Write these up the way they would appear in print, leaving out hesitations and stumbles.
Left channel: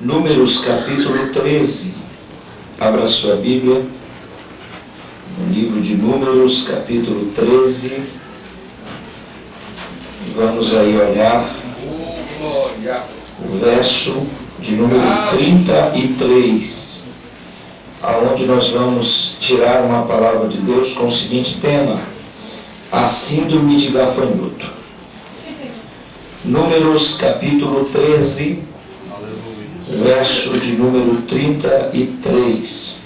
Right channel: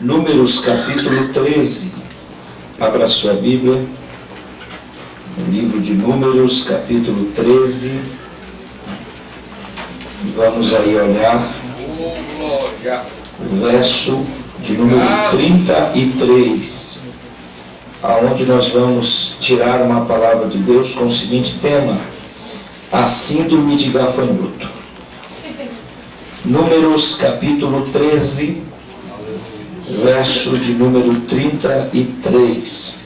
Números capítulo 13. Abra sua Bíblia no livro de Números capítulo 13. Vamos aí olhar o verso de número 33, aonde nós vamos tirar uma palavra de Deus com o seguinte tema: a síndrome de gafanhoto. Números capítulo 13, verso de número 33.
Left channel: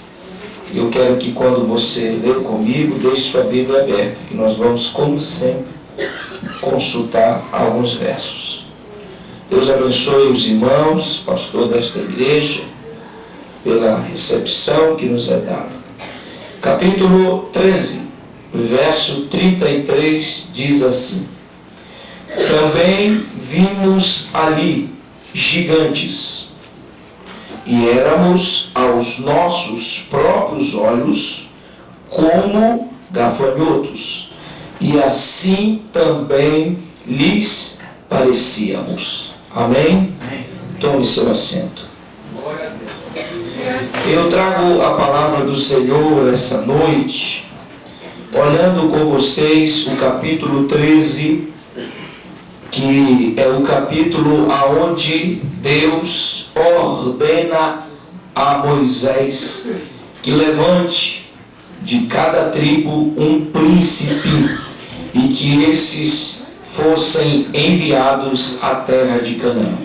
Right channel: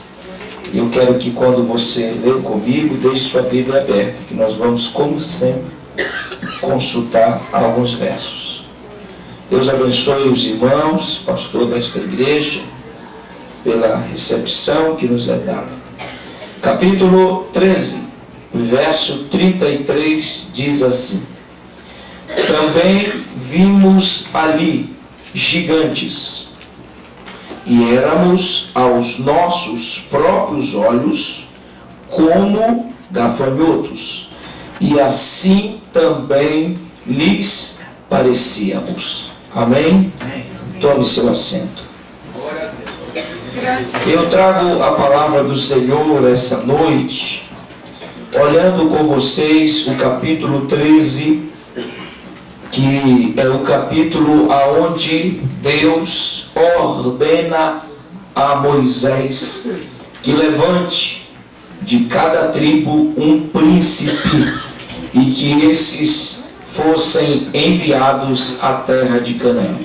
Eu quero que quando você ler comigo, deixe sua Bíblia aberta, que nós vamos, como sempre, consultar alguns versos. Deus abençoe os irmãos, pastor desta igreja, pela recepção que nos é dada. Capítulo 13, verso 33, diz assim: também vimos ali gigantes, e éramos aos nossos próprios olhos como gafanhotos, e assim também lhes parecíamos. Amém? Tome seu assento. Eu trago a palavra do Senhor essa noite, olhando com vocês o capítulo 13, que é o capítulo aonde Deus ordena a Moisés que levante de cada tribo um príncipe e que esses fossem enviados à terra de Canaã.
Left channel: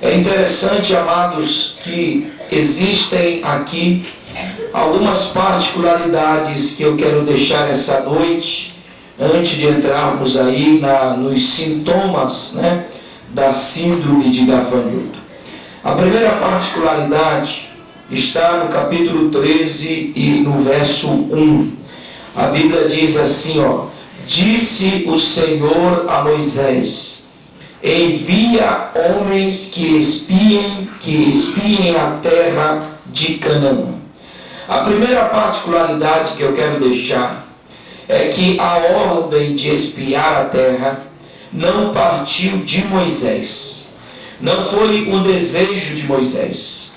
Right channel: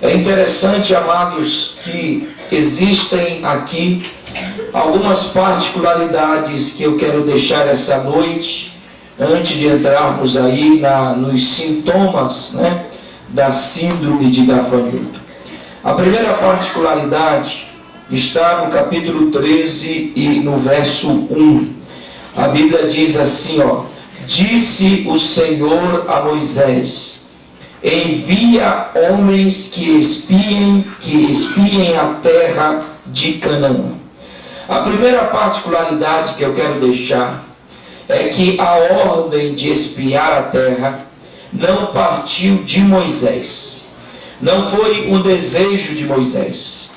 É interessante, amados, que existem aqui algumas particularidades que eu quero deixar essa noite, antes de entrarmos aí nos sintomas, da síndrome de gafanhoto. A primeira particularidade está no capítulo 13 e no verso 1. A Bíblia diz assim, disse o Senhor a Moisés: envia homens que espiem a terra de Canaã. A primeira particularidade que eu quero deixar é que a ordem de espiar a terra não partiu de Moisés. Não foi um desejo de Moisés.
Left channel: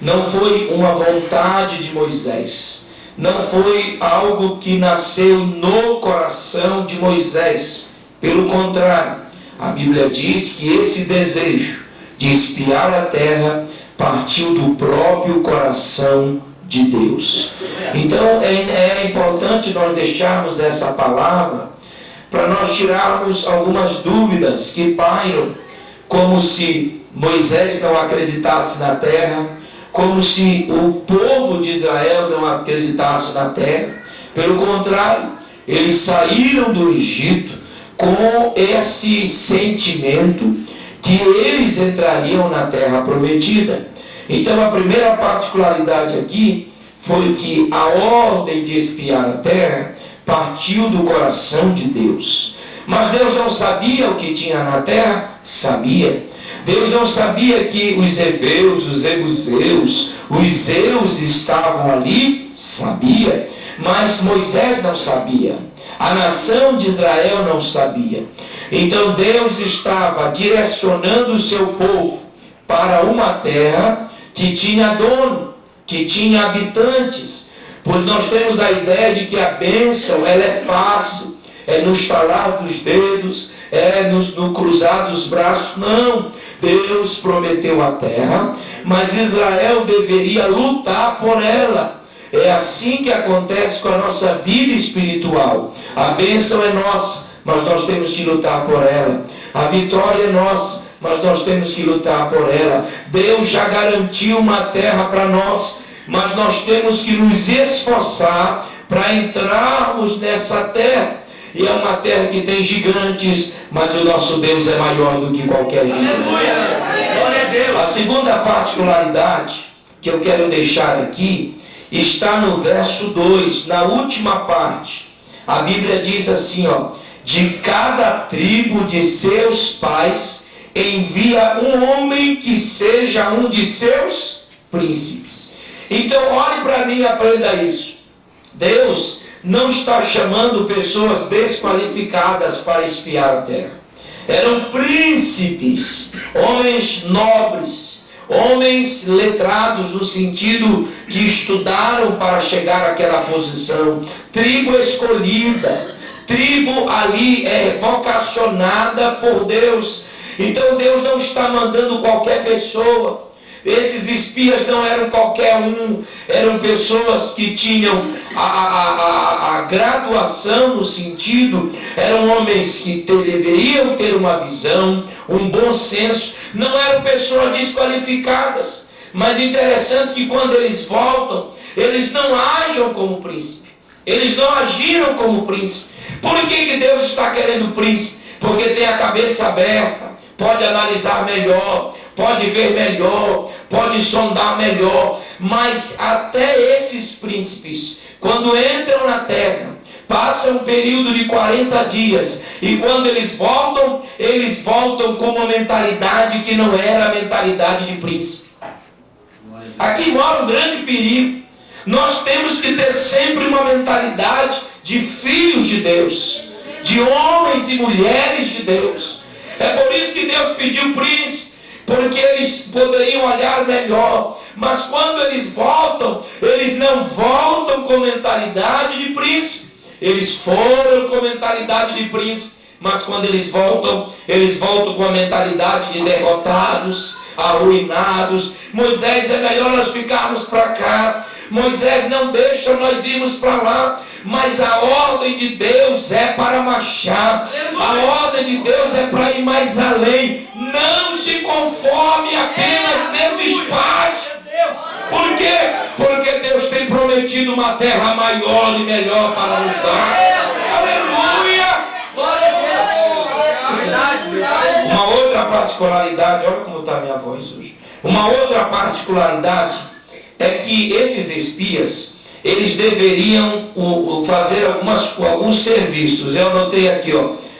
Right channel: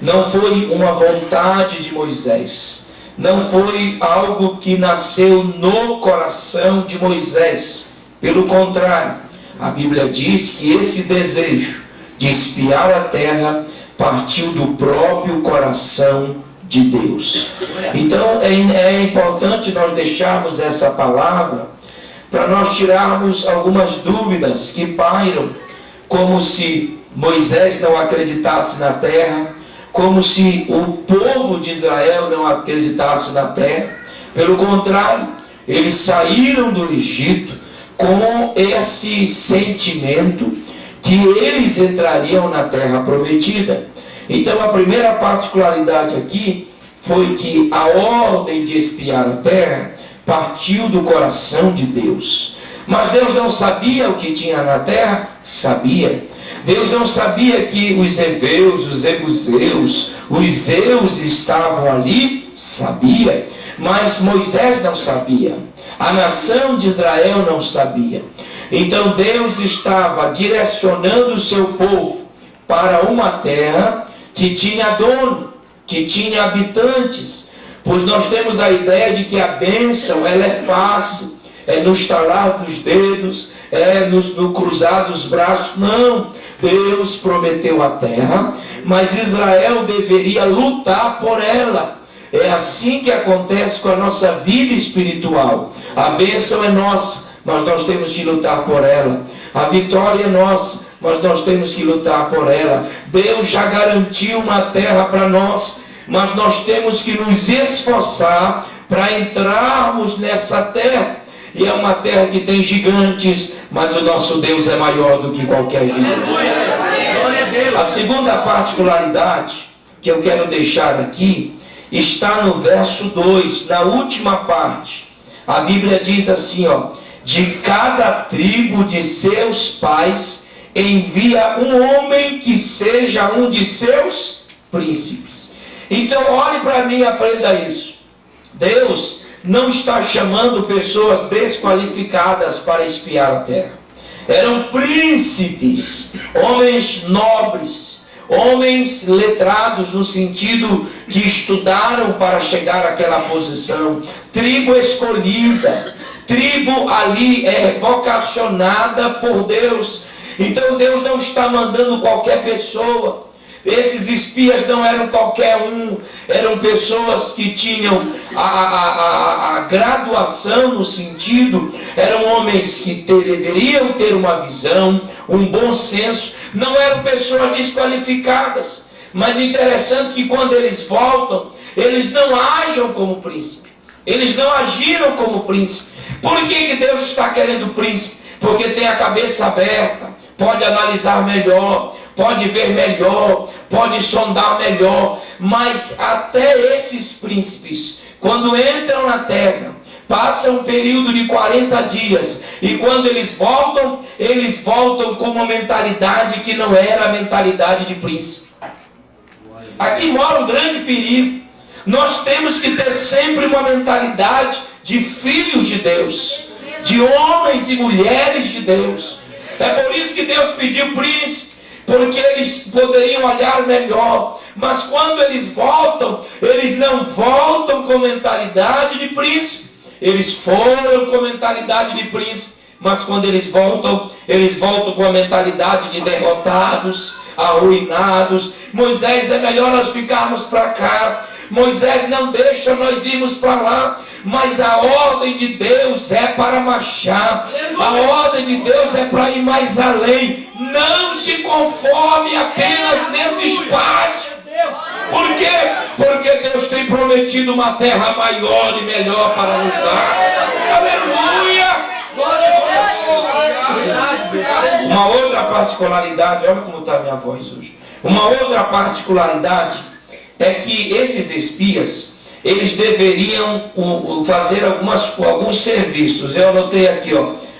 Não foi uma vontade de Moisés. Não foi algo que nasceu no coração de Moisés. Pelo contrário, a Bíblia diz que esse desejo de espiar a terra partiu do próprio coração de Deus. Então é importante nós deixarmos essa palavra para nós tirarmos algumas dúvidas que pairam, como se Moisés não acreditasse na terra, como se o povo de Israel não acreditasse na terra. Pelo contrário, eles saíram do Egito com esse sentimento que eles entrariam na terra prometida. Então a primeira particularidade aqui foi que a ordem de espiar a terra partiu do coração de Deus. Mas Deus não sabia o que tinha na terra? Sabia. Deus não sabia que os heveus, os jebuseus, os zeus estavam ali? Sabia. Mas Moisés não sabia. A nação de Israel não sabia. Então Deus estava direcionando o seu povo para uma terra que tinha dono, que tinha habitantes, pois nós temos a ideia de que a bênção ela é fácil, é no estalar dos dedos, é no cruzar dos braços. Não, Deus prometeu a terra, mas Israel deveria lutar por ela. É assim que acontece com a nossa vida espiritual. A bênção é nossa, mas nós temos que lutar por ela. A vitória é nossa, mas nós temos que lutar por ela. Deus já garantiu uma terra para nós, mas nós temos que nos esforçar para entrarmos nessa terra. E é uma terra que tem gigantes, mas o nosso Deus é maior do que qualquer gigante. A segunda particularidade que eu quero deixar aqui está no verso 2, na última parte. A Bíblia diz assim, de cada tribo de seus pais envia um homem que seja um de seus príncipes. Então olhe para mim e aprenda isso. Deus não está chamando pessoas desqualificadas para espiar a terra. Eram príncipes, homens nobres, homens letrados no sentido que estudaram para chegar àquela posição, tribo escolhida, tribo ali vocacionada por Deus. Então Deus não está mandando qualquer pessoa. Esses espias não eram qualquer um, eram pessoas que tinham a graduação no sentido, eram homens que deveriam ter uma visão, um bom senso, não eram pessoas desqualificadas. Mas interessante que quando eles voltam, eles não agem como príncipe, eles não agiram como príncipe. Por que Deus está querendo príncipe? Porque tem a cabeça aberta, pode analisar melhor, pode ver melhor, pode sondar melhor. Mas até esses príncipes, quando entram na terra, passam um período de 40 dias, e quando eles voltam com uma mentalidade que não era a mentalidade de príncipe. Aqui mora um grande perigo. Nós temos que ter sempre uma mentalidade de filhos de Deus, de homens e mulheres de Deus. É por isso que Deus pediu príncipe, porque eles poderiam olhar melhor. Mas quando eles voltam, eles não voltam com mentalidade de príncipe. Eles foram com mentalidade de príncipe, mas quando eles voltam com a mentalidade de derrotados, arruinados. Moisés, é melhor nós ficarmos para cá. Moisés, não deixa nós irmos para lá. Mas a ordem de Deus é para marchar. A ordem de Deus é para ir mais além. Não se conforme apenas nesse espaço. Por quê? Porque Deus tem prometido uma terra maior e melhor para nos dar. Aleluia! Uma outra particularidade, olha como está a minha voz hoje. Uma outra particularidade é que esses espias, eles deveriam fazer alguns serviços. Eu anotei aqui,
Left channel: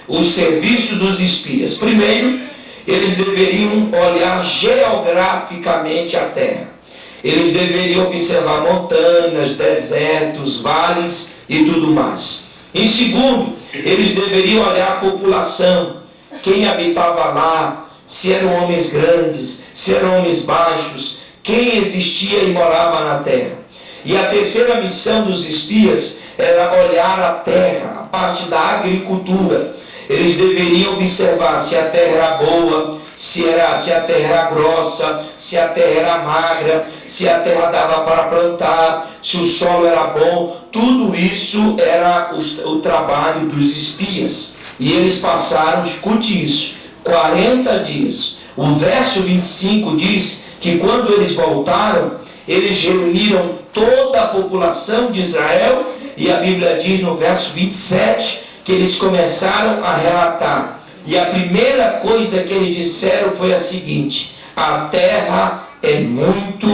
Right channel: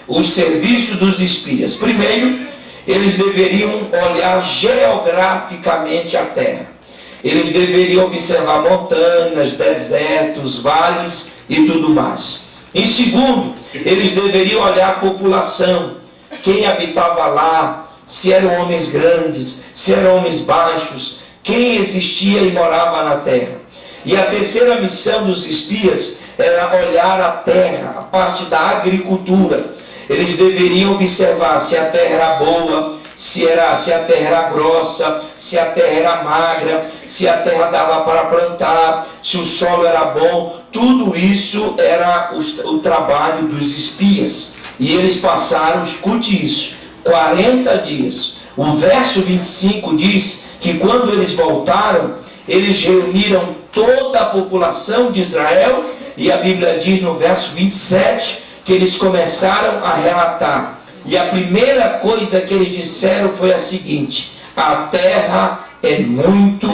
os serviços dos espias. Primeiro, eles deveriam olhar geograficamente a terra. Eles deveriam observar montanhas, desertos, vales e tudo mais. Em segundo, eles deveriam olhar a população, quem habitava lá, se eram homens grandes, se eram homens baixos, quem existia e morava na terra. E a terceira missão dos espias era olhar a terra, a parte da agricultura. Eles deveriam observar se a terra era boa, se a terra era grossa, se a terra era magra, se a terra dava para plantar, se o solo era bom. Tudo isso era o trabalho dos espias. E eles passaram, escute isso, 40 dias. O verso 25 diz que quando eles voltaram, eles reuniram toda a população de Israel, e a Bíblia diz no verso 27 que eles começaram a relatar. E a primeira coisa que eles disseram foi a seguinte: a terra é muito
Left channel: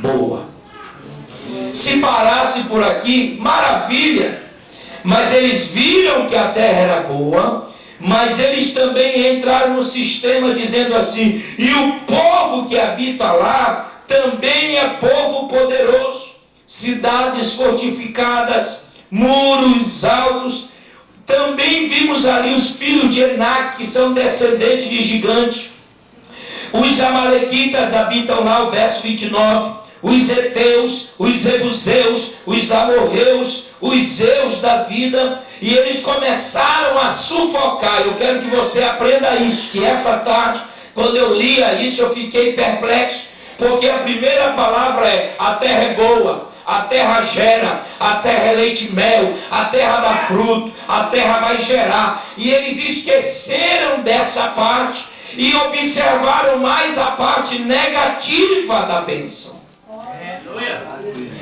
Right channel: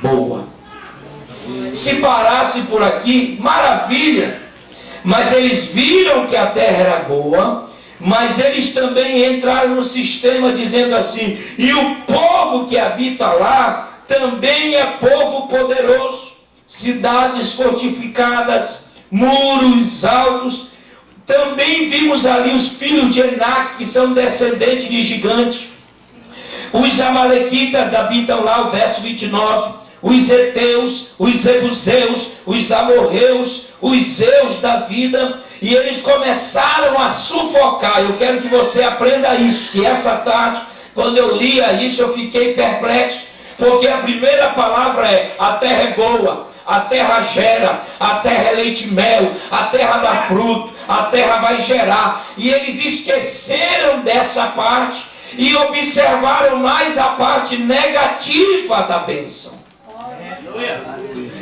boa. Se parasse por aqui, maravilha. Mas eles viram que a terra era boa, mas eles também entraram no sistema dizendo assim: e o povo que habita lá também é povo poderoso, cidades fortificadas, muros altos. Também vimos ali os filhos de Enac, que são descendentes de gigantes. Os amalequitas habitam lá, o verso 29. Os heteus, os jebuseus, os amorreus, os zeus da vida. E eles começaram a sufocar. Eu quero que você aprenda isso, que essa tarde, quando eu lia isso, eu fiquei perplexo. Porque a primeira palavra é: a terra é boa, a terra gera, a terra é leite e mel, a terra dá fruto, a terra vai gerar. E eles esqueceram dessa parte e observaram mais a parte negativa da bênção.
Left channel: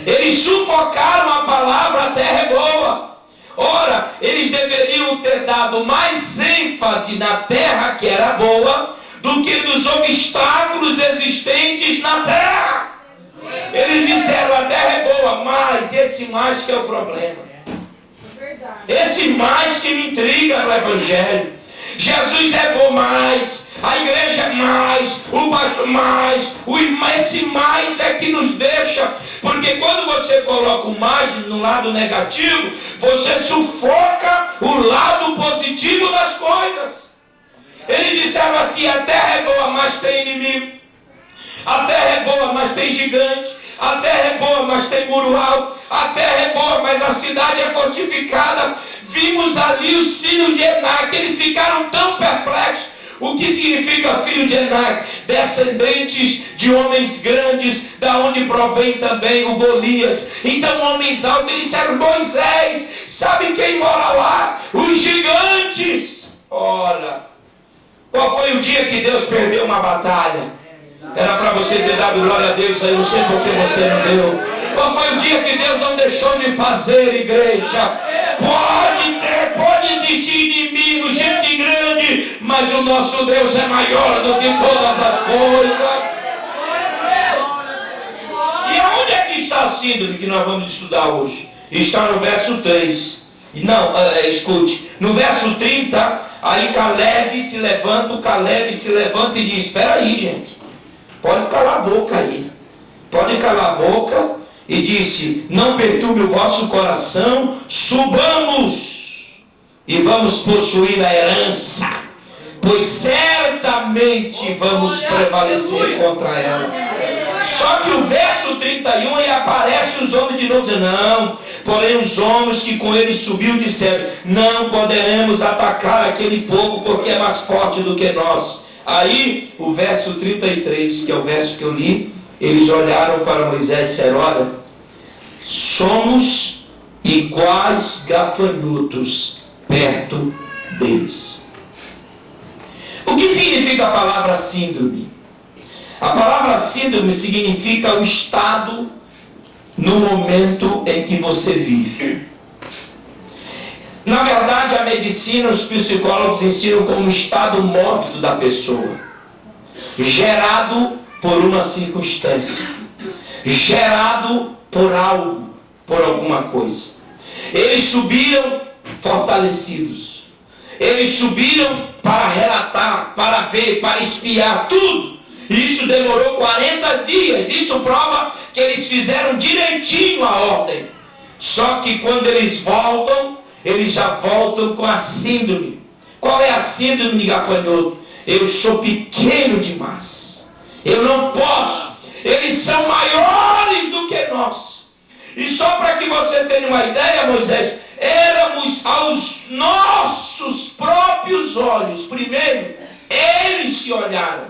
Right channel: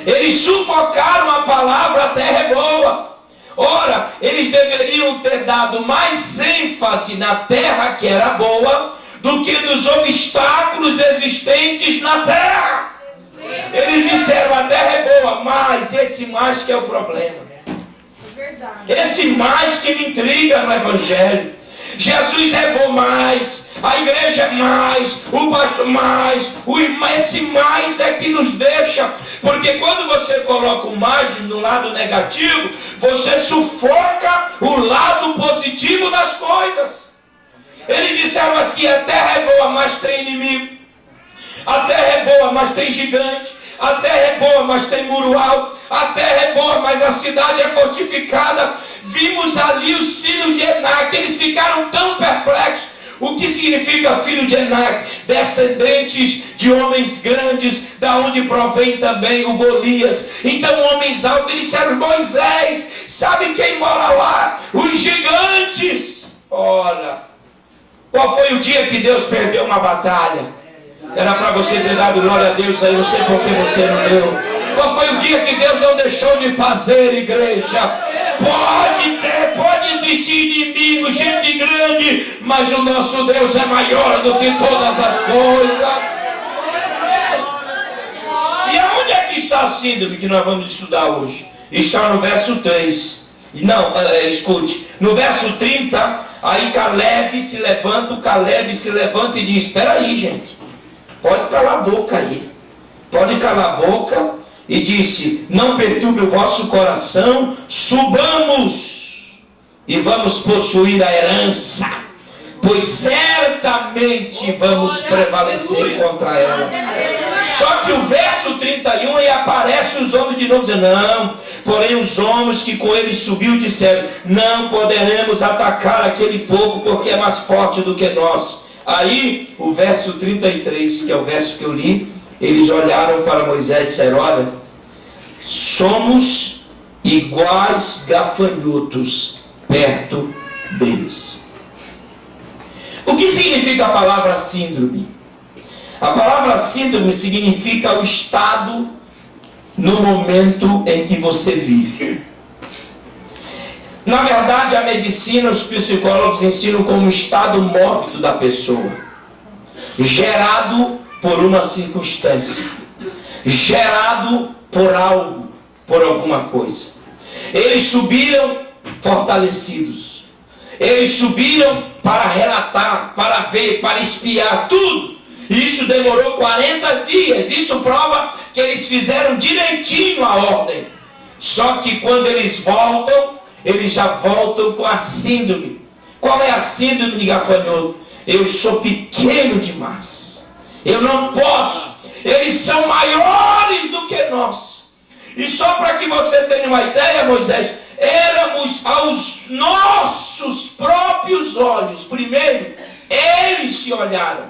Eles sufocaram a palavra a terra é boa. Ora, eles deveriam ter dado mais ênfase na terra que era boa do que nos obstáculos existentes na terra. Eles disseram: a terra é boa, mas esse mais que é o problema. Esse mais que me intriga no Evangelho. Jesus é bom mais, a igreja é mais, o pastor mais, esse mais é que nos deixa. Porque quando você coloca o mais no lado negativo, você sufoca o lado positivo das coisas. Eles disseram assim: a terra é boa, mas tem inimigo. A terra é boa, mas tem gigante. A terra é boa, mas tem muro alto. A terra é boa, mas a cidade é fortificada. Vimos ali os filhos de Enaque, eles ficaram tão perplexos. O que significa filho de Enaque? Descendentes de homens grandes, da onde provém também o Golias. Então homens altos, eles disseram: Moisés, sabe quem mora lá? Os gigantes. Ora, qual foi o dia que Deus perdeu uma batalha? Era para você ter dado glória a Deus aí, não sei por que você não deu. Qual foi o dia que Deus não deixou de fazer, igreja? Pode existir inimigo, gente grande, mas o nosso Deus é maior do que todas as coisas. E aonde é que está a síndrome que nós vamos estudar hoje? Está no verso 3. Não, escute. No verso 30, aí Caleb se levanta e diz: espera aí, gente. Pode calar a boca aí. Pode calar a boca. E disse: não perturbe o vosso coração, subamos e vamos possuir a herança, pois certamente vamos prevalecer contra ela. Só que o verso 31 aí aparece os homens de novo dizendo: não, porém os homens que com ele subiu disseram: não poderemos atacar aquele povo, porque é mais forte do que nós. Aí o verso 33, que é o verso que eu li, eles olharam para Moisés e disseram: olha, somos iguais gafanhotos perto deles. O que significa a palavra síndrome? A palavra síndrome significa o estado no momento em que você vive. Na verdade, a medicina, os psicólogos ensinam como estado mórbido da pessoa, gerado por uma circunstância, gerado por algo, por alguma coisa. Eles subiram fortalecidos. Eles subiram para relatar, para ver, para espiar tudo. Isso demorou 40 dias. Isso prova que eles fizeram direitinho a ordem. Só que quando eles voltam, eles já voltam com a síndrome. Qual é a síndrome de gafanhoto? Eu sou pequeno demais. Eu não posso. Eles são maiores do que nós. E só para que você tenha uma ideia, Moisés, éramos aos nossos próprios olhos. Primeiro, eles se olharam.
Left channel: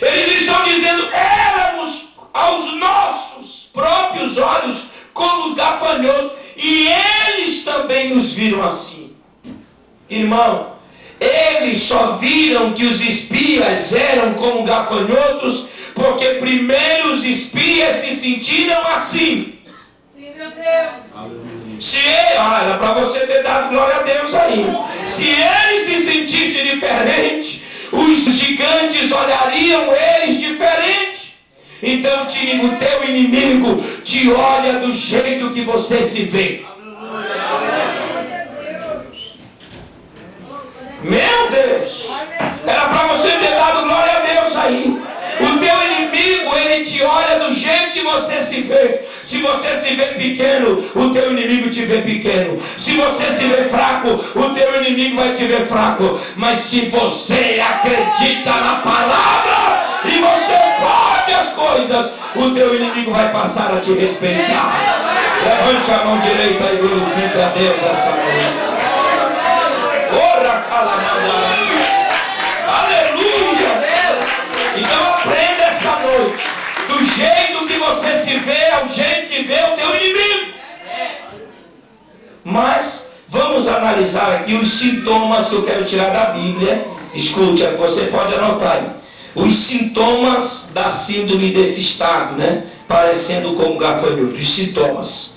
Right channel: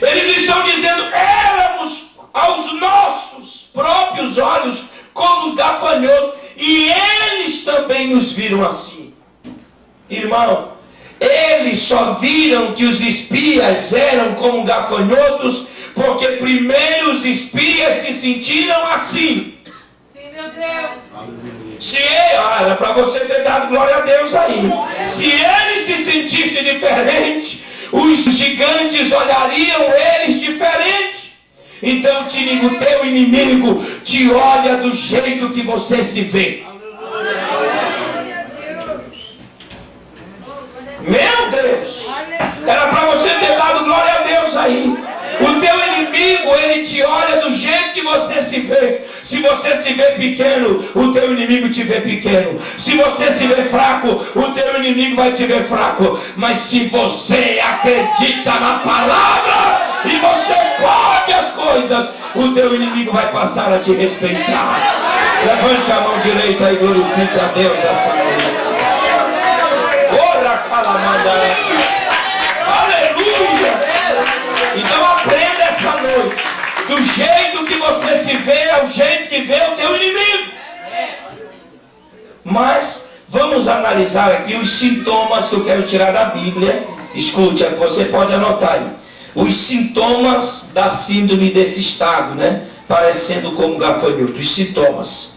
Eles estão dizendo: éramos aos nossos próprios olhos como os gafanhotos. E eles também nos viram assim. Irmão, eles só viram que os espias eram como gafanhotos, porque primeiro os espias se sentiram assim. Sim, meu Deus. Era para você ter dado glória a Deus aí. Se eles se sentissem diferente, os gigantes olhariam eles diferente. Então o teu inimigo te olha do jeito que você se vê. Meu Deus! Era para você ter dado glória a Deus aí. O teu inimigo, ele te olha do jeito que você se vê. Se você se vê pequeno, o teu inimigo te vê pequeno. Se você se vê fraco, o teu inimigo vai te ver fraco. Mas se você acredita na palavra e você pode as coisas, o teu inimigo vai passar a te respeitar. Levante a mão direita e glorifique a Deus essa noite. Ora, calamandara. Aleluia! Então aprenda essa noite. Do jeito que você se vê, é o jeito que vê o teu inimigo. Mas vamos analisar aqui os sintomas que eu quero tirar da Bíblia. Escute, você pode anotar aí. Os sintomas da síndrome desse estado, né? Parecendo como gafanhoto. Os sintomas.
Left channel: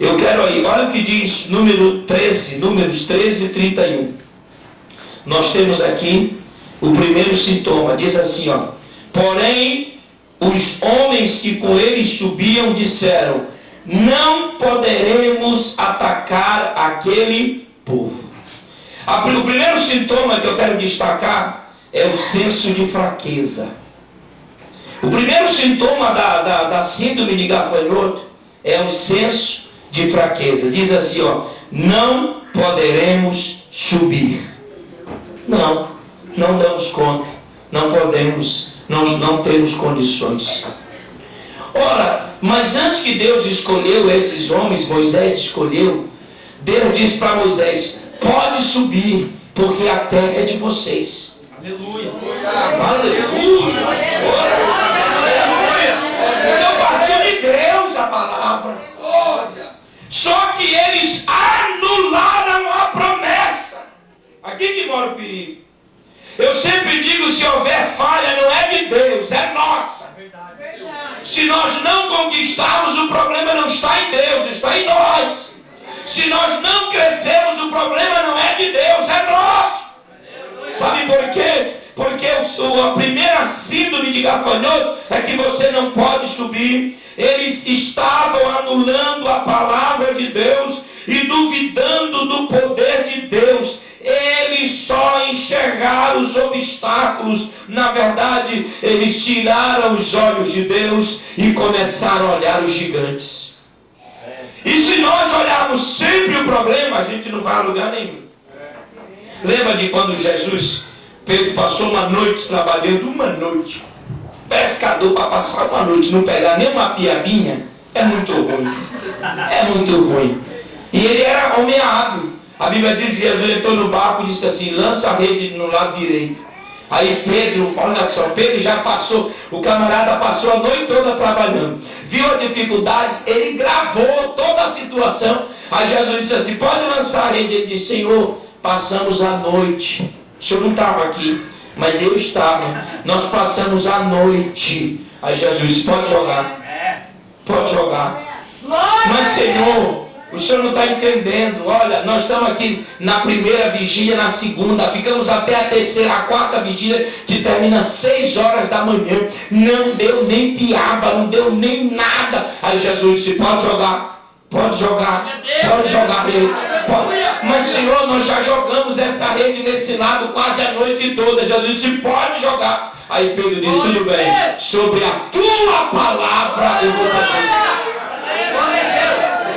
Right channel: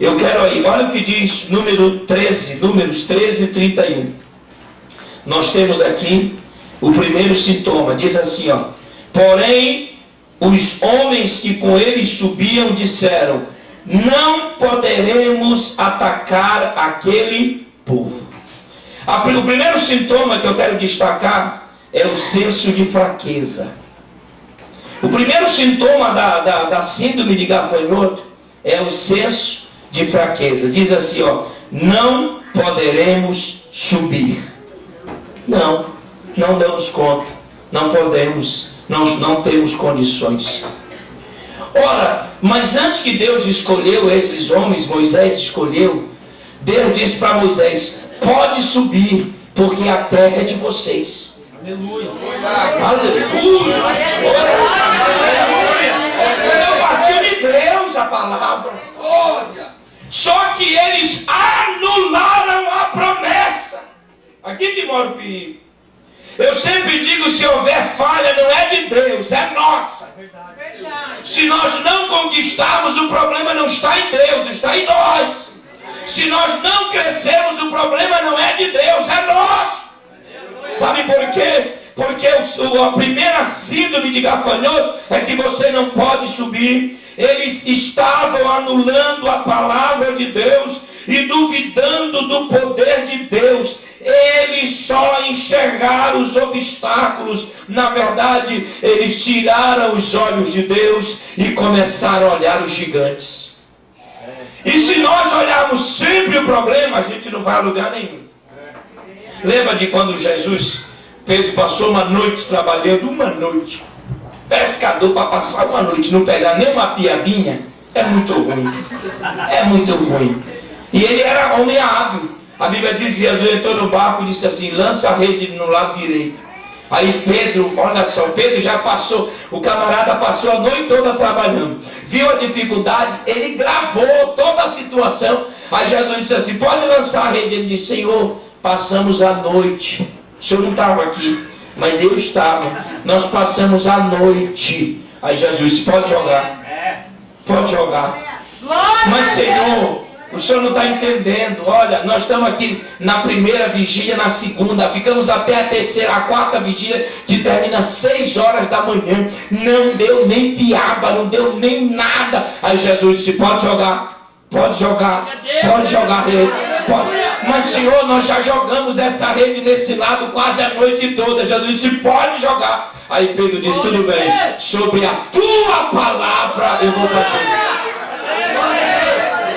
Eu quero aí, olha o que diz Números 13 e 31. Nós temos aqui o primeiro sintoma. Diz assim, ó: porém, os homens que com ele subiam disseram: não poderemos atacar aquele povo. O primeiro sintoma que eu quero destacar é o senso de fraqueza. O primeiro sintoma da síndrome de gafanhoto é o senso de fraqueza. Diz assim, ó: não poderemos subir. Não damos conta, não podemos. nós não temos condições. Ora, mas antes que Deus escolheu esses homens, Moisés escolheu, Deus disse para Moisés: pode subir, porque a terra é de vocês. Aleluia. Aleluia. Então partiu de Deus a palavra. Só que eles anularam a promessa. Aqui que mora o perigo. Eu sempre digo, se houver falha, não é de Deus, é nossa. Se nós não conquistarmos, o problema não está em Deus, está em nós. Se nós não crescermos, o problema não é de Deus, é nosso. Sabe por quê? Porque a primeira síndrome de gafanhoto é que você não pode subir. Eles estavam anulando a palavra de Deus e duvidando do poder de Deus. Eles só enxergaram os obstáculos. Na verdade, eles tiraram os olhos de Deus e começaram a olhar os gigantes. E se nós olharmos sempre o problema, a gente não vai a lugar nenhum. Lembra de quando Pedro passou uma noite trabalhando, uma noite. Pescador para passar uma noite, não pegar nem uma piabinha, é muito ruim. É muito ruim. E ele era homem hábil. A Bíblia diz que Jesus entrou no barco e disse assim: lança a rede no lado direito. Aí Pedro, olha só, Pedro já passou, o camarada passou a noite toda trabalhando. Viu a dificuldade, ele gravou toda a situação. Aí Jesus disse assim: pode lançar a rede. Ele disse: Senhor, passamos a noite. O senhor não estava aqui, mas eu estava. Nós passamos a noite. Aí Jesus disse: pode jogar. Pode jogar. Mas Senhor, o senhor não está entendendo. Olha, nós estamos aqui na primeira vigília, na segunda, ficamos até a terceira, a quarta vigília, que termina 6 horas da manhã. Não deu nem piaba, não deu nem nada. Aí Jesus disse: pode jogar, pode jogar, pode jogar rede. Pode. Mas Senhor, nós já jogamos essa rede nesse lado quase a noite toda. Jesus disse: pode jogar. Aí Pedro disse: tudo bem, sobre a tua palavra eu vou fazer.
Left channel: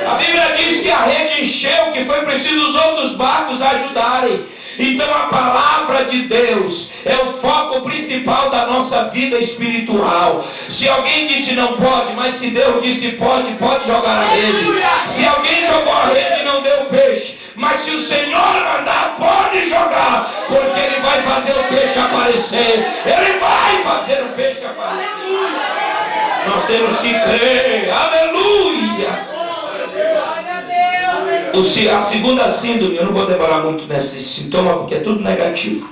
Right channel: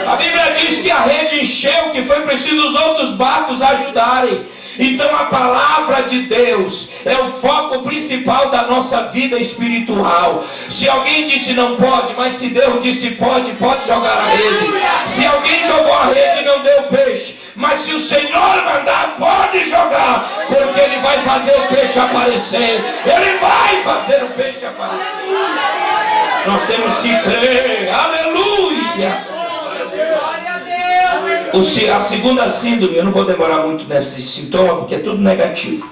A Bíblia diz que a rede encheu, que foi preciso os outros barcos ajudarem. Então a palavra de Deus é o foco principal da nossa vida espiritual. Se alguém disse não pode, mas se Deus disse pode, pode jogar a rede. Se alguém jogou a rede e não deu peixe, mas se o Senhor mandar, pode jogar, porque Ele vai fazer o peixe aparecer. Ele vai fazer o peixe aparecer. Nós temos que crer. Aleluia. A segunda síndrome, eu não vou demorar muito nesse sintoma, porque é tudo negativo.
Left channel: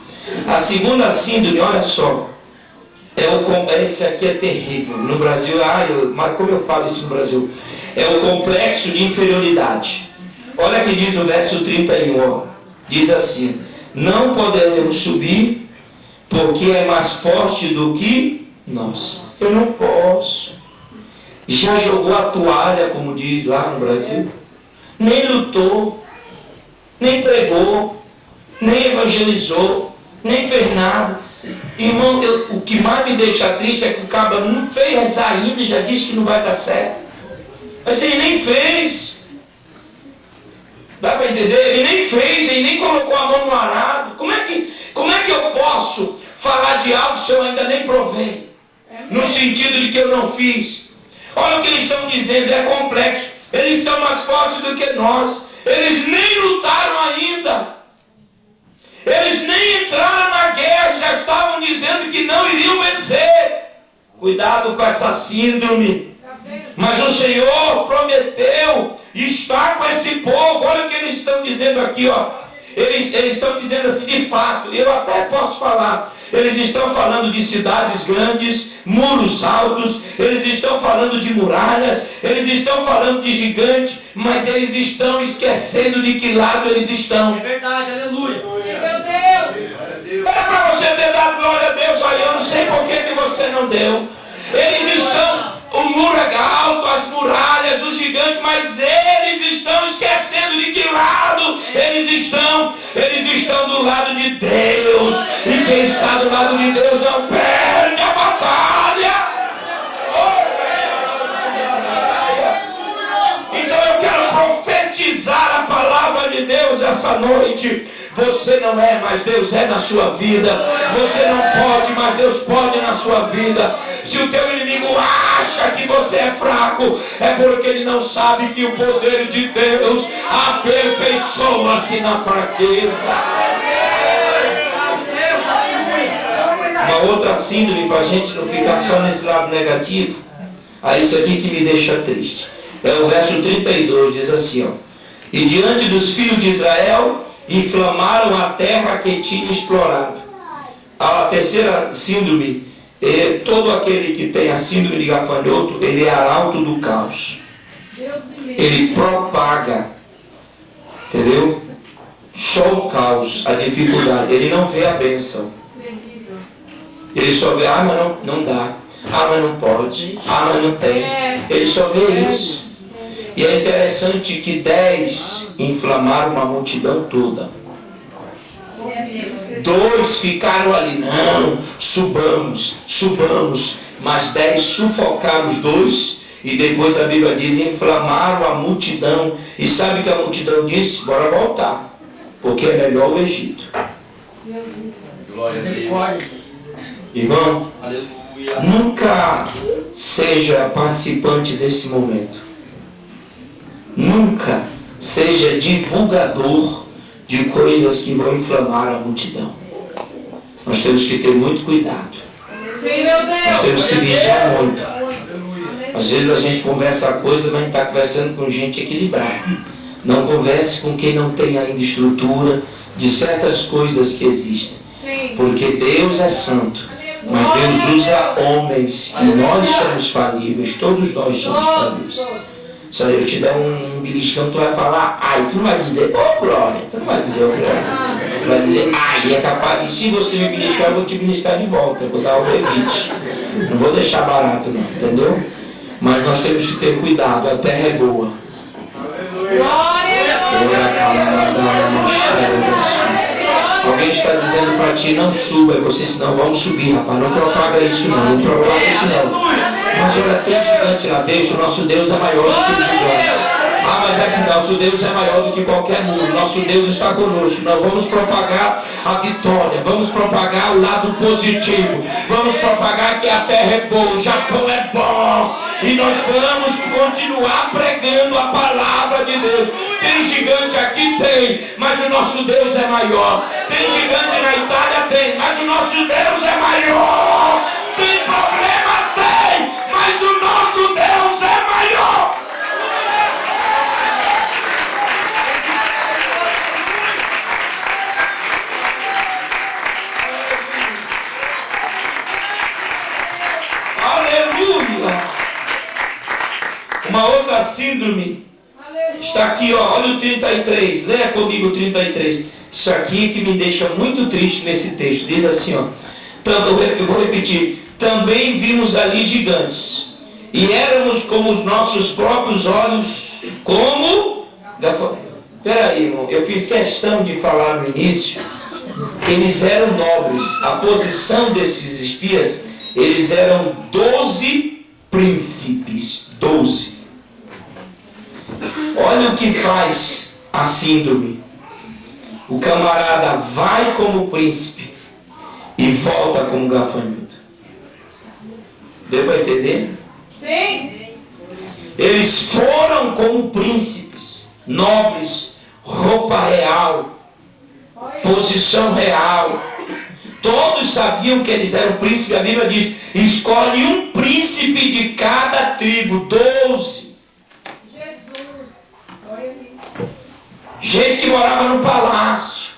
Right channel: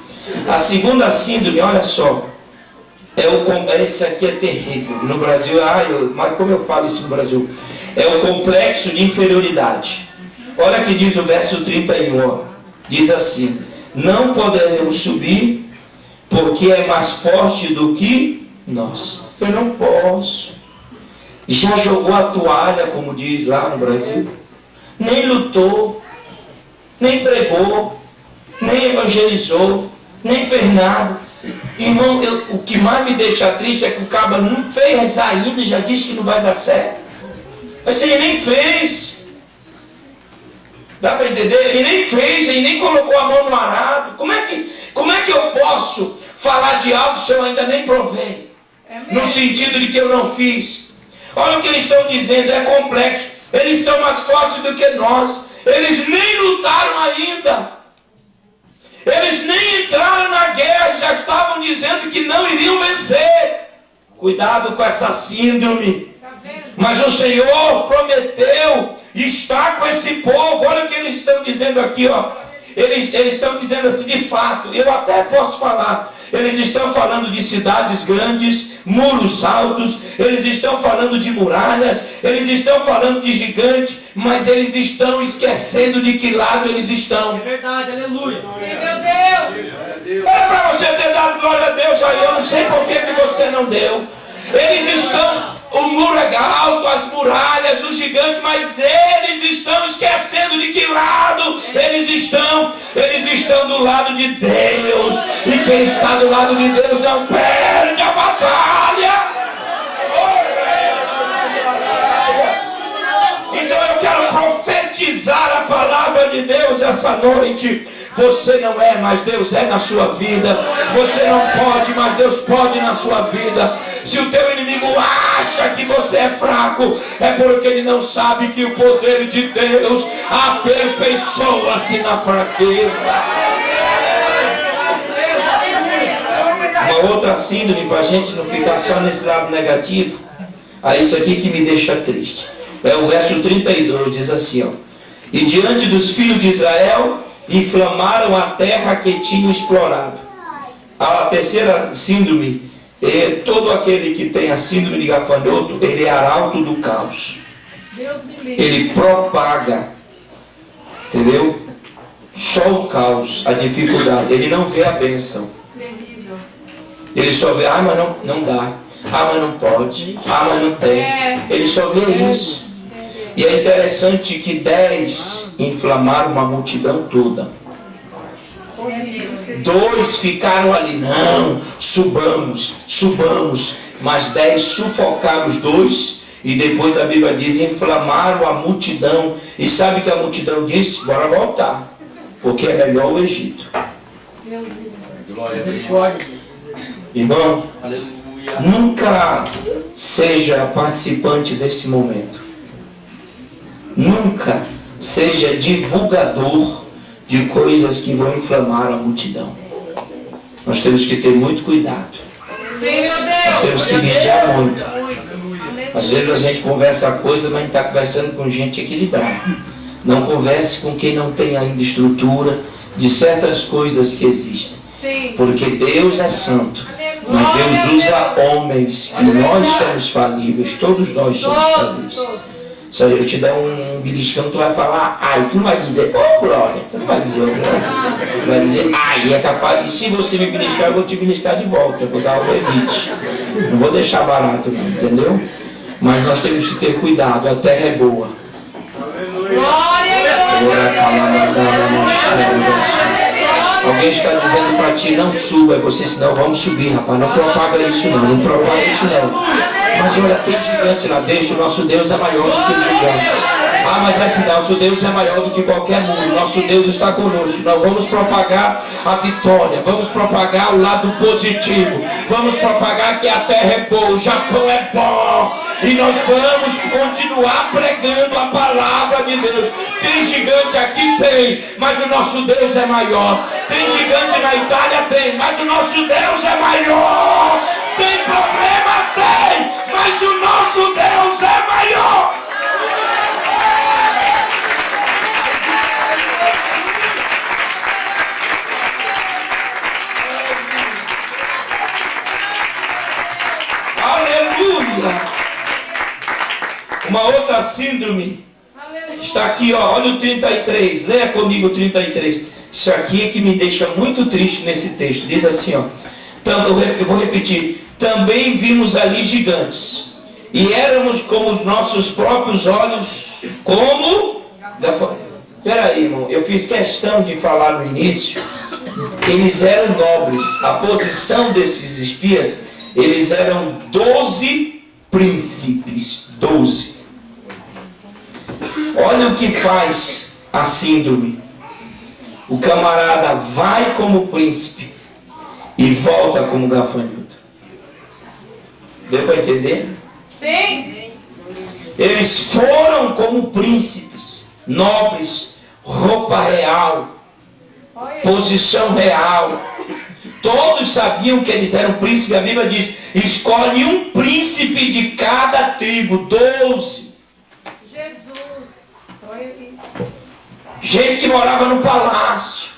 A segunda síndrome, olha só, esse aqui é terrível. No Brasil, mas como eu falo isso no Brasil? É o complexo de inferioridade. Olha que diz o verso 31, ó. Diz assim: não poderemos subir, porque é mais forte do que nós. Eu não posso. Já jogou a toalha, como diz lá no Brasil? Nem lutou, nem pregou, nem evangelizou, nem fez nada. Irmão, o que mais me deixa triste é que o cabra não fez ainda e já disse que não vai dar certo. Mas ele nem fez. Dá para entender? Ele nem fez, ele nem colocou a mão no arado. Como é que eu posso falar de algo se eu ainda nem provei? No sentido de que eu não fiz. Olha o que eles estão dizendo, é complexo. Eles são mais fortes do que nós. Eles nem lutaram ainda. Eles nem entraram na guerra. Já estavam dizendo que não iriam vencer. Cuidado com essa síndrome. Mas o Senhor prometeu estar com esse povo. Olha o que eles estão dizendo aqui, ó. Eles estão dizendo assim, de fato, eu até posso falar. Eles estão falando de cidades grandes, muros altos, eles estão falando de muralhas, eles estão falando de gigantes, mas eles estão esquecendo de que lado eles estão. É verdade, aleluia. Meu Deus. Era para você ter dado glória a Deus, aí eu não sei por que você não deu. Eles estão, o muro é alto, as muralhas, os gigantes, mas eles estão esquecendo de que lado eles estão. Eles estão do lado de Deus. E quem está do lado de Deus não perde a batalha. Então eu quero profetizar a palavra de Deus essa noite. Você não é, mas Deus é na sua vida. Você não pode, mas Deus pode na sua vida. Se o teu inimigo acha que você é fraco, é porque ele não sabe que o poder de Deus aperfeiçoa-se na fraqueza. Uma outra síndrome, para a gente não ficar só nesse lado negativo. Isso aqui que me deixa triste. É o verso 32, diz assim, ó. E diante dos filhos de Israel, inflamaram a terra que tinham explorado. A terceira síndrome, todo aquele que tem a síndrome de gafanhoto, ele é arauto do caos. Ele propaga, entendeu? Só o caos, a dificuldade. Ele não vê a bênção. Ele só vê, mas não dá. Mas não pode. Mas não tem. Ele só vê isso. E é interessante que 10 inflamaram uma multidão toda. 2 ficaram ali, não, subamos. Mas 10 sufocaram os 2. E depois a Bíblia diz, inflamaram a multidão. E sabe o que a multidão disse? Bora voltar. Porque é melhor o Egito. Irmão, nunca seja participante desse momento. Nunca seja divulgador de coisas que vão inflamar a multidão. Nós temos que ter muito cuidado. Nós temos que vigiar muito. Às vezes a gente conversa coisa, mas a gente está conversando com gente equilibrada. Não converse com quem não tem ainda estrutura de certas coisas que existem. Porque Deus é santo. Mas Deus usa homens. E nós somos falíveis. Todos nós somos falíveis. Se eu te der um beliscão, tu vai falar ai. Tu não vai dizer, glória. Tu não vai dizer, glória. Tu vai dizer, ai. É capaz. E se você me beliscar, eu vou te beliscar de volta. Eu vou dar um evite. Não vou deixar barato, não. Entendeu? Mas nós temos que ter cuidado. A terra é boa. Alguém está dizendo para ti, não suba. E você diz, não, vamos subir, rapaz. Não propaga isso não propaga isso não. Mas olha, tem gigante lá dentro. O nosso Deus é maior do que os gigantes. Mas assim, nosso Deus é maior do que qualquer mundo. Nosso Deus está conosco. Nós vamos propagar a vitória. Vamos propagar o lado positivo. Vamos propagar que a terra é boa, o Japão é bom. E nós vamos continuar pregando a palavra de Deus. Tem gigante aqui? Tem. Mas o nosso Deus é maior. Tem gigante na Itália? Tem. Mas o nosso Deus é maior. Tem problema? Tem. Mas o nosso Deus é maior. Aleluia. Uma outra síndrome está aqui, ó, olha o 33, leia comigo o 33. Isso aqui que me deixa muito triste nesse texto. Diz assim, ó, eu vou repetir. Também vimos ali gigantes, e éramos como os nossos próprios olhos, como... Peraí, irmão, eu fiz questão de falar no início. Eles eram nobres. A posição desses espias, eles eram 12 príncipes. 12. Olha o que faz a síndrome. O camarada vai como príncipe e volta como gafanhoto. Deu para entender? Sim. Eles foram como príncipes, nobres, roupa real, posição real. Todos sabiam que eles eram príncipes. A Bíblia diz, escolhe um príncipe de cada tribo, 12. Gente que morava no palácio,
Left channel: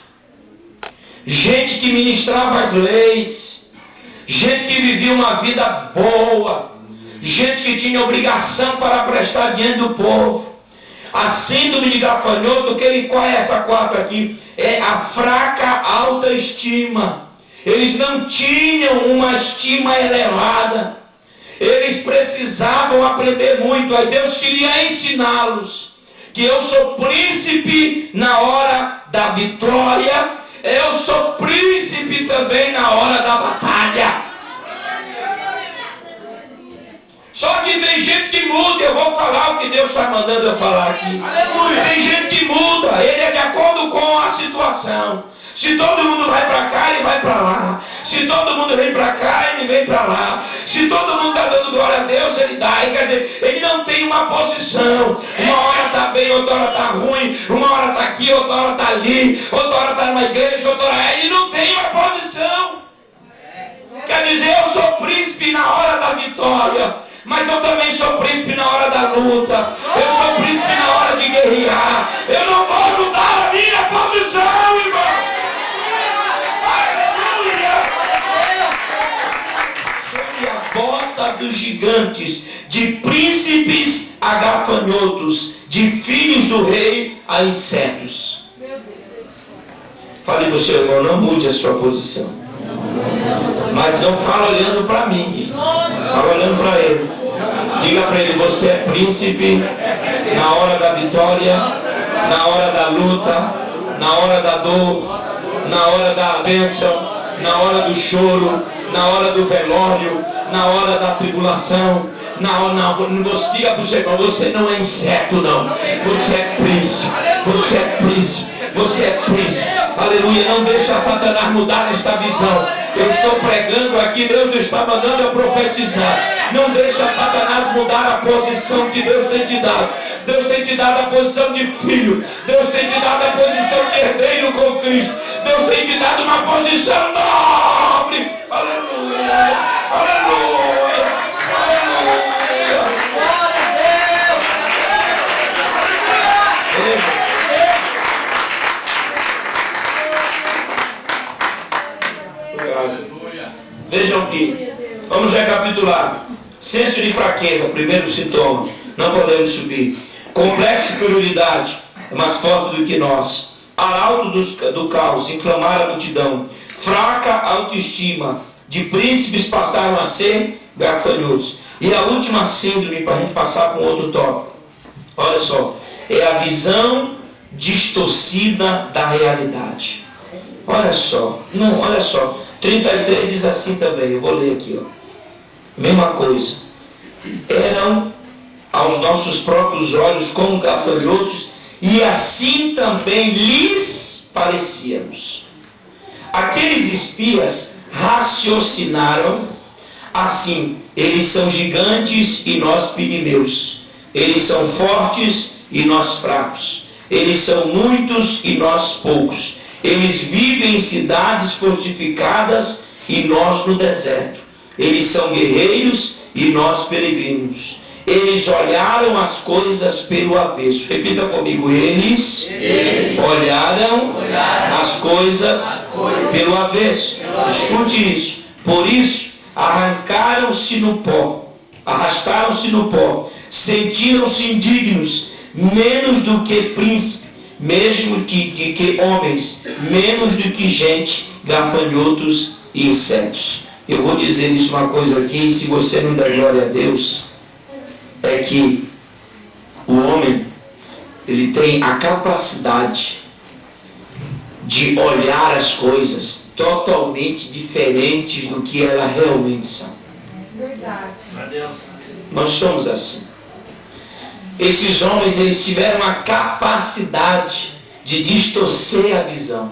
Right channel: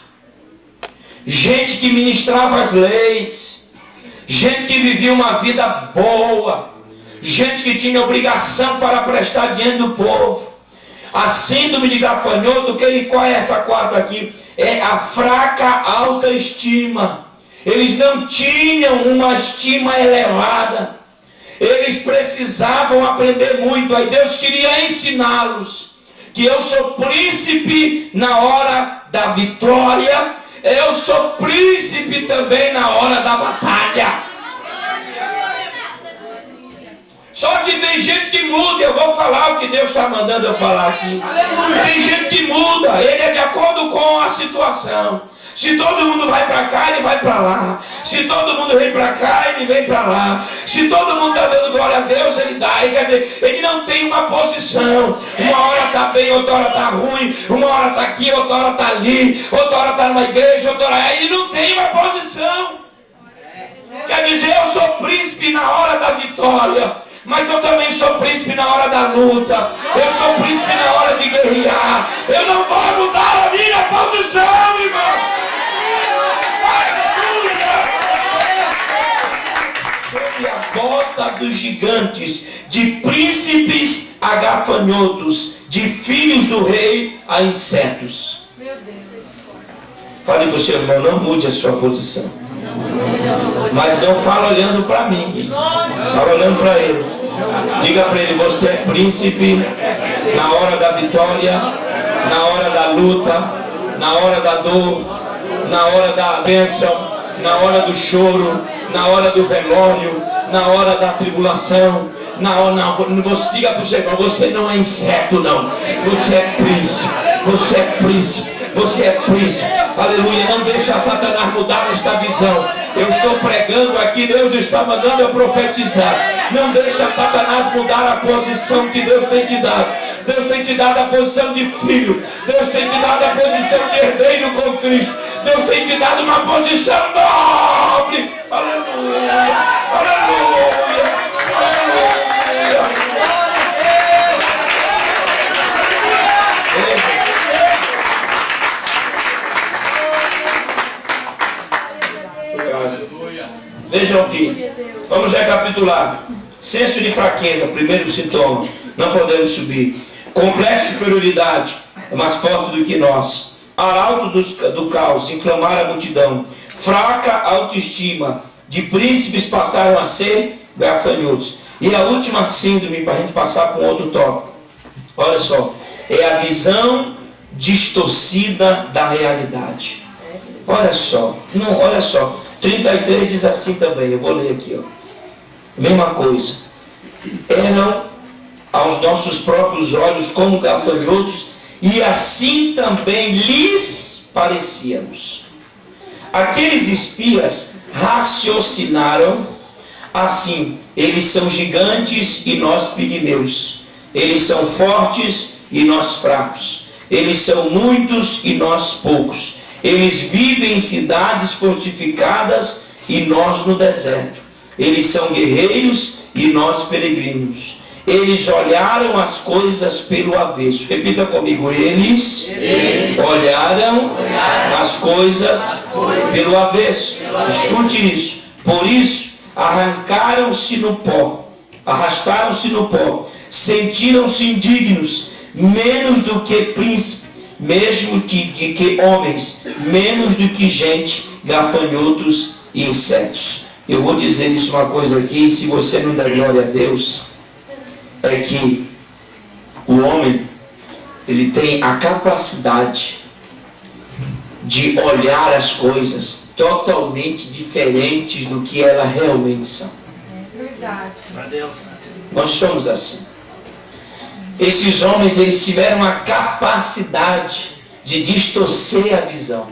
gente que ministrava as leis, gente que vivia uma vida boa, gente que tinha obrigação para prestar diante do povo. A síndrome de gafanhoto, qual é essa 4 aqui? É a fraca autoestima. Eles não tinham uma estima elevada. Eles precisavam aprender muito. Aí Deus queria ensiná-los que eu sou príncipe na hora da vitória, eu sou príncipe também na hora da batalha. Só que tem gente que muda. Eu vou falar o que Deus está mandando eu falar aqui. Aleluia. Tem gente que muda. Ele é de acordo com a situação. Se todo mundo vai para cá, ele vai para lá. Se todo mundo vem para cá, ele vem para lá. Se todo mundo está dando glória a Deus, ele dá. Quer dizer, ele não tem uma posição. Uma hora está bem, outra hora está ruim. Uma hora está aqui, outra hora está ali. Outra hora está numa igreja, outra hora... Ele não tem uma posição. Quer dizer, eu sou príncipe na hora da vitória, mas eu também sou príncipe na hora da luta. Eu sou príncipe na hora de guerrear. Eu não vou mudar a minha posição, irmão. Sob a bota dos gigantes, de príncipes a gafanhotos, de filhos do rei a insetos. Fale para o seu irmão, não mude a sua posição. Mas não fala olhando para mim, fala olhando para ele. Diga para ele, você é príncipe na hora da vitória, na hora da luta, na hora da dor, na hora da bênção, na hora do choro, na hora do velório, na hora da tribulação. Você diga para o seu irmão, você não é inseto não, você é príncipe, você é príncipe, você é príncipe. Aleluia, não deixa Satanás mudar esta visão. Eu estou pregando aqui, Deus está mandando eu profetizar. Não deixa Satanás mudar a posição que Deus tem te dado. Deus tem te dado a posição de filho. Deus tem te dado a posição de herdeiro com Cristo. Deus tem te dado uma posição nobre. Aleluia, aleluia, aleluia. Vejam aqui, vamos recapitular. Senso de fraqueza, primeiro sintoma, não podemos subir. Complexo de superioridade, é mais forte do que nós. Arauto do caos, inflamar a multidão. Fraca autoestima, de príncipes passaram a ser gafanhotos. E a última síndrome, para a gente passar para um outro tópico. Olha só, é a visão distorcida da realidade. Olha só, não, olha só. 33 diz assim também, eu vou ler aqui, ó. Mesma coisa. Eram aos nossos próprios olhos como gafanhotos, e assim também lhes parecíamos. Aqueles espias raciocinaram assim: eles são gigantes e nós pigmeus. Eles são fortes e nós fracos. Eles são muitos e nós poucos. Eles vivem em cidades fortificadas e nós no deserto. Eles são guerreiros e nós peregrinos. Eles olharam as coisas pelo avesso. Repita comigo, eles olharam as coisas pelo avesso. Escute isso. Por isso, arrancaram-se no pó, arrastaram-se no pó, sentiram-se indignos, menos do que príncipes, mesmo que homens, menos do que gente, gafanhotos e insetos. Eu vou dizer isso uma coisa aqui, se você não der glória a Deus, é que o homem, ele tem a capacidade de olhar as coisas totalmente diferentes do que elas realmente são. Nós somos assim. Esses homens, eles tiveram a capacidade de distorcer a visão.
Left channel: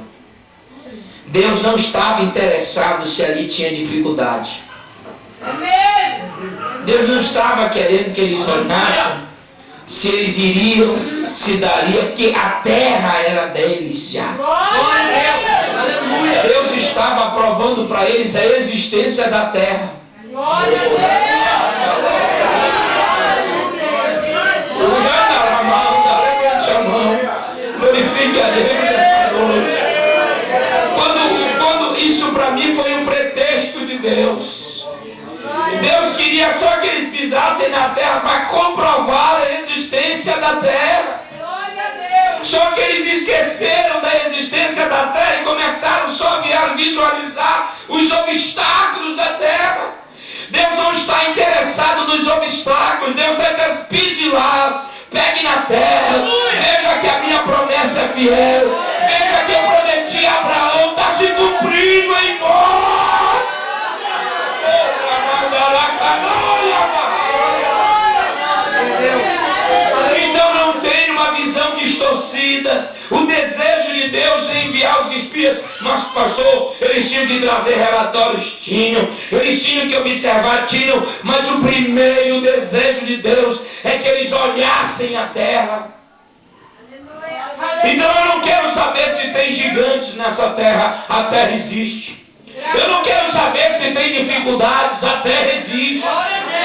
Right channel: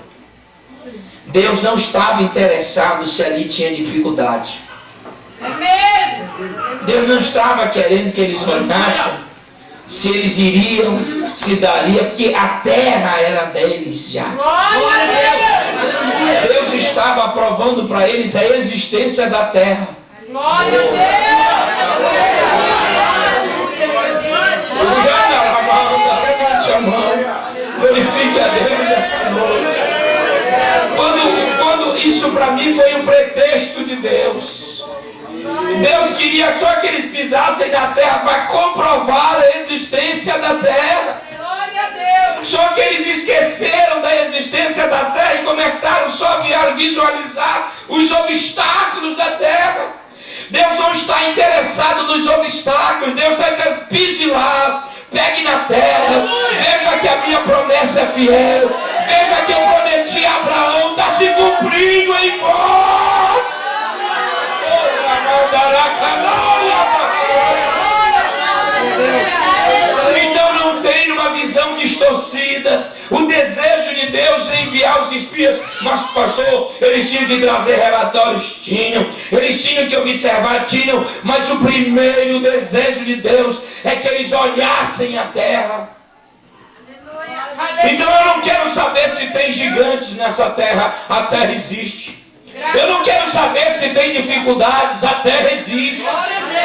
Deus não estava interessado se ali tinha dificuldade. Deus não estava querendo que eles olhassem se eles iriam, se daria, porque a terra era deles já. Deus estava provando para eles a existência da terra. Glória a Deus! Levante a mão, glorifique a Deus nessa noite. Quando isso para mim foi um pretexto de Deus. Deus queria só que eles pisassem na terra para comprovar a existência da terra. Só que eles esqueceram da existência da terra e começaram só a visualizar os obstáculos da terra. Deus não está interessado nos obstáculos. Deus está interessado, pise lá, pegue na terra, veja que a minha promessa é fiel, veja que eu prometi a Abraão, está se cumprindo em vós. O desejo de Deus é enviar os espias. Mas, pastor, eles tinham que trazer relatórios? Tinham. Eles tinham que observar? Tinham. Mas o primeiro desejo de Deus é que eles olhassem a terra. Então eu não quero saber se tem gigantes nessa terra. A terra existe. Eu não quero saber se tem dificuldades. A terra existe.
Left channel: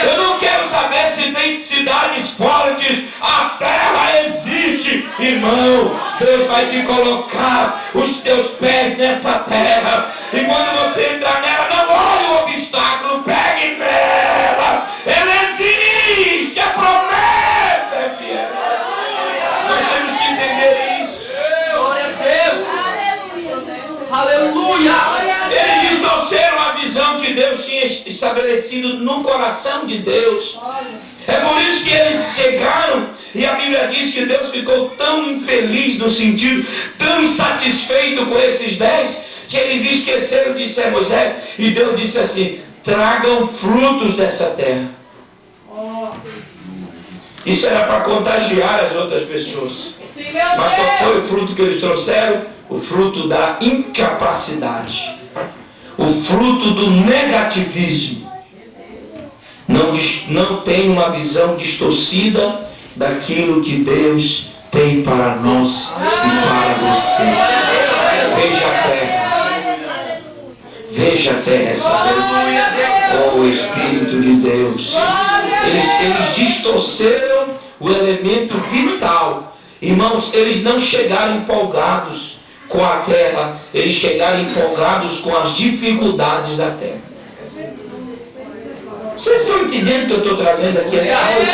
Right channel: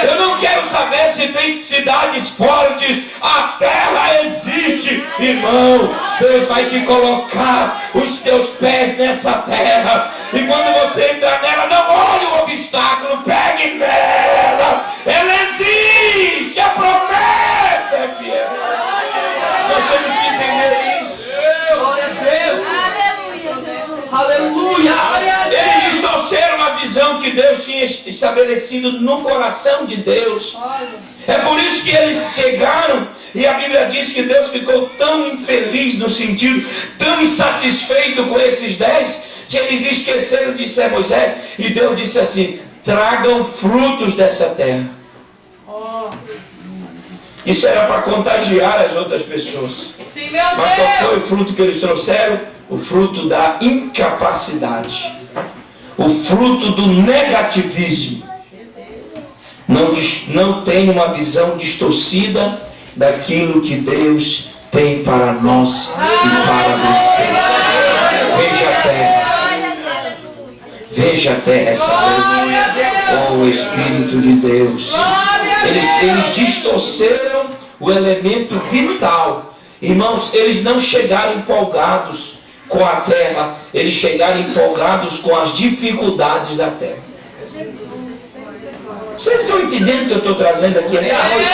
Eu não quero saber se tem cidades fortes. A terra existe. Irmão, Deus vai te colocar os teus pés nessa terra. E quando você entrar nela, não olhe o obstáculo. Pegue nela. Ela existe. A promessa é fiel. Nós temos que entender isso. Glória a Deus. Aleluia. Eles distorceram a visão que Deus tinha estabelecido no coração de Deus. É por isso que eles chegaram, e a Bíblia diz que Deus ficou tão infeliz, no sentido, tão insatisfeito com esses 10, que eles esqueceram de ser Moisés, e Deus disse assim: tragam frutos dessa terra. Isso era para contagiar as outras pessoas. Mas qual foi o fruto que eles trouxeram? O fruto da incapacidade. O fruto do negativismo. Não tem uma visão distorcida daquilo que Deus tem para nós e para você. Veja a terra. Veja a terra essa noite. Oh, Espírito de Deus. Eles distorceram o elemento vital. Irmãos, eles não chegaram empolgados com a terra, eles chegaram empolgados com as dificuldades da terra. Vocês estão entendendo o que eu estou trazendo aqui essa noite?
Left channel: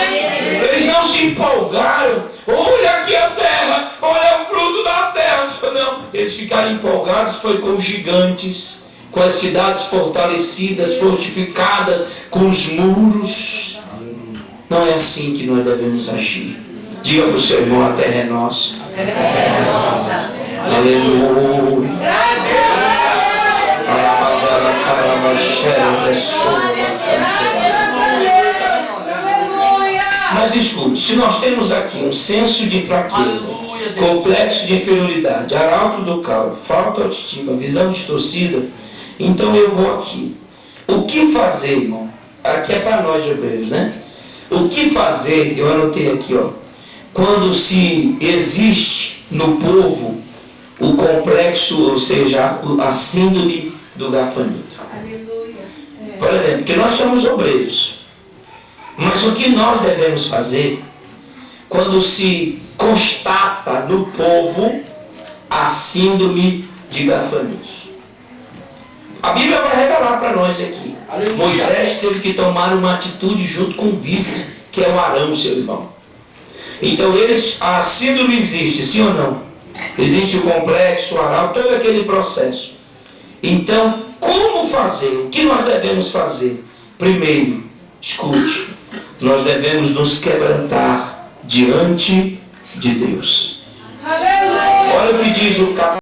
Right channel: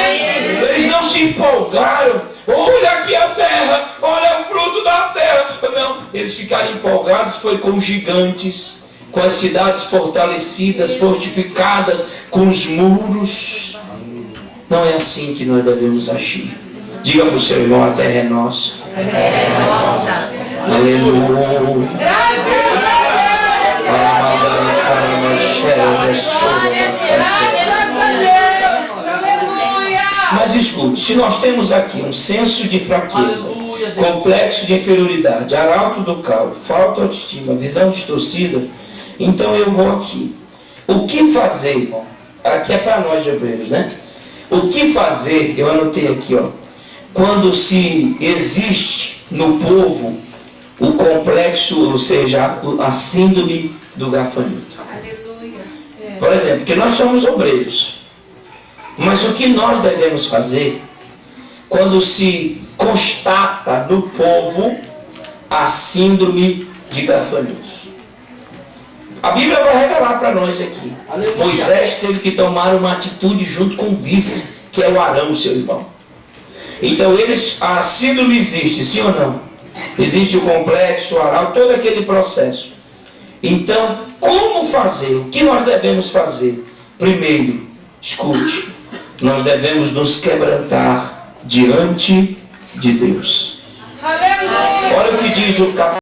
Eles não se empolgaram. Olha aqui a terra, olha o fruto da terra. Não, eles ficaram empolgados foi com os gigantes, com as cidades fortalecidas, fortificadas, com os muros. Não é assim que nós devemos agir. Diga para o seu irmão: a terra é nossa. Aleluia. Mas escute, se nós temos aqui um senso de fraqueza, complexo de inferioridade, arauto do caos, falta de autoestima, visão distorcida, então eu vou aqui. O que fazer, irmão? Aqui é para nós hebreus, né? O que fazer, eu anotei aqui, ó, quando se existe no povo o complexo, ou seja, a síndrome do gafanhoto. Por exemplo, que nós somos obreiros. Mas o que nós devemos fazer quando se constata no povo a síndrome de gafanhotos? A Bíblia vai revelar para nós aqui. Moisés teve que tomar uma atitude junto com o vice, que é o Arão, seu irmão. Então a síndrome existe, sim ou não? Existe o complexo, o arauto, todo aquele processo. Então, como fazer? O que nós devemos fazer? Primeiro, escute, nós devemos nos quebrantar diante de Deus. Olha o que diz o capítulo.